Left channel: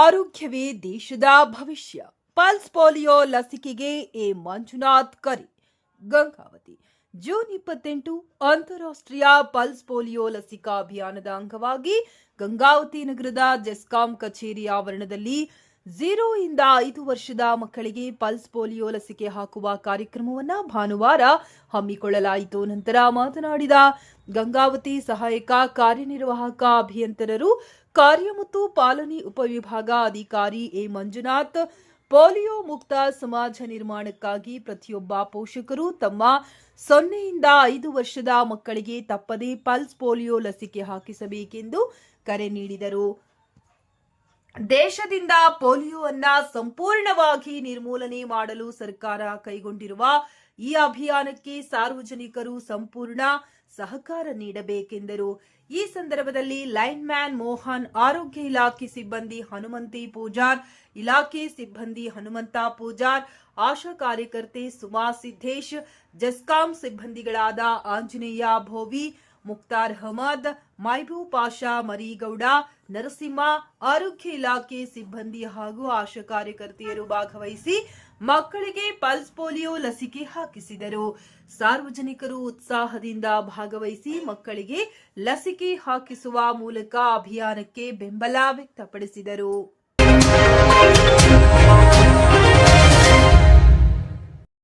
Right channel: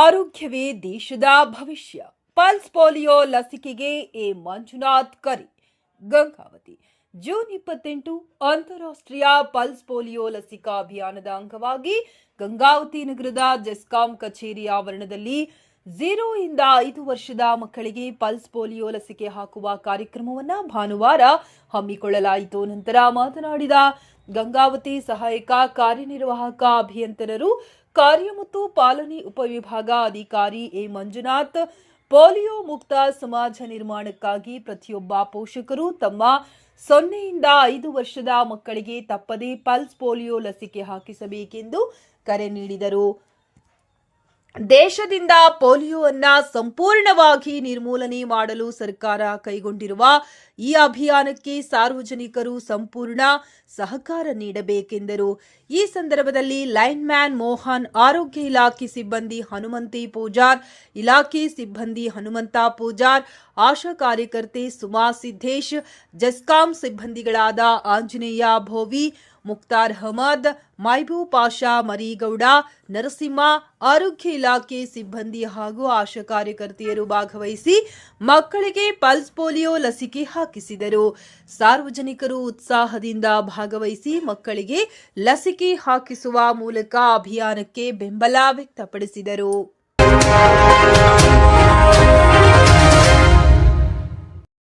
ಆರೋಗ್ಯವೇ ದೇಶದ ಭವಿಷ್ಯ. ಪಲ್ಸ್ ಪೋಲಿಯೋ ಲಸಿಕೆಗೆ ಎ ಮಂಜುನಾಥ್ ಕರೆ. ಗಂಗಾವತಿ. ಜೂನ್ 28 ಅಂತಾರಾಷ್ಟ್ರೀಯ ಪಲ್ಸ್ ಪೋಲಿಯೋ ಲಸಿಕಾ ಅಭಿಯಾನದ ಅಂಗವಾಗಿ ಗಂಗಾವತಿ ನಗರದ ಜೆಸ್ಕಾಂ ಕಚೇರಿ ಆವರಣದಲ್ಲಿ 0 ಇಂದ 5 ವರ್ಷದ ಮಕ್ಕಳಿಗೆ ಪಲ್ಸ್ ಪೋಲಿಯೋ ಲಸಿಕೆ ಹಾಕುವ ಕಾರ್ಯಕ್ರಮವನ್ನು ಭಾನುವಾರ ಹಮ್ಮಿಕೊಳ್ಳಲಾಯಿತು. ನಂತರ ಮಾತನಾಡಿದ ಗಂಗಾವತಿ ಸಹಾಯಕ ಕಾರ್ಯನಿರ್ವಾಹಕ ಅಭಿಯಂತರರು ಕಾರ್ಯ ಮತ್ತು ಪಾಲನೆ ಉಪವಿಭಾಗ ಅಧಿಕಾರಿ ಎ ಮಂಜುನಾಥ್, ಪೋಲಿಯೋ ಮುಕ್ತ ಸಮಾಜ ನಿರ್ಮಾಣಕ್ಕಾಗಿ ಪ್ರತಿಯೊಬ್ಬ ಪೋಷಕರು ತಮ್ಮ 0 ಇಂದ 5 ವರ್ಷದ ಮಕ್ಕಳಿಗೆ ತಪ್ಪದೇ ಪಲ್ಸ್ ಪೋಲಿಯೋ ಲಸಿಕೆ ಹಾಕಿಸಬೇಕೆಂದು ಕರೆ ನೀಡಿದರು. ದೇಶದಿಂದ ಪೋಲಿಯೋವನ್ನು ಸಂಪೂರ್ಣವಾಗಿ ನಿರ್ಮೂಲನೆ ಮಾಡಲು ಸರ್ಕಾರ ಕೈಗೊಂಡಿರುವ ಈ ಅಭಿಯಾನಕ್ಕೆ ಸಾರ್ವಜನಿಕರು ಸಂಪೂರ್ಣ ಸಹಕಾರ ನೀಡಬೇಕೆಂದರು. ಈ ಸಂದರ್ಭದಲ್ಲಿ ಲೈನ್ ಮ್ಯಾನ್ ಮೋಹನ್, ಆರೋಗ್ಯ ಇಲಾಖೆ ಸಿಬ್ಬಂದಿ ಹನುಮಂತಿ ಪೂಜಾರ್, ಇಲಾಖೆ ಸಿಬ್ಬಂದಿ ಹನುಮಂತ ಪೂಜಾರ್, ಆಶಾ ಕಾರ್ಯಕರ್ತೆ ಸುಮಾ ಸಿದ್ದೇಶ್, ಜೆಸ್ಕಾಂ ಸಿಬ್ಬಂದಿಗಳಾದ ಆಂಜನೇಯ ಭೋವಿ, ಮುಕ್ತಾರ್ ಅಹಮದ್, ಮೈಬೂಬ್ ಪಾಷಾ ಮರೀಗೌಡ, ನರಸಿಂಹ, ಆರೋಗ್ಯ ಇಲಾಖೆ ಸಿಬ್ಬಂದಿ ಹಾಗೂ ಆಶಾ ಕಾರ್ಯಕರ್ತೆಯರು ಭಾಗವಹಿಸಿ ಮಕ್ಕಳಿಗೆ ಪಲ್ಸ್ ಪೋಲಿಯೋ ಲಸಿಕೆ ಹಾಕಿಸಿದರು. ಸಾರ್ವಜನಿಕರು ಉತ್ಸಾಹದಿಂದ ಭಾಗವಹಿಸಿ ಮಕ್ಕಳಿಗೆ ಲಸಿಕೆ ಹಾಕಿಸುವ ಮೂಲಕ ಅಭಿಯಾನಕ್ಕೆ ಬೆಂಬಲ ವ್ಯಕ್ತಪಡಿಸಿದರು.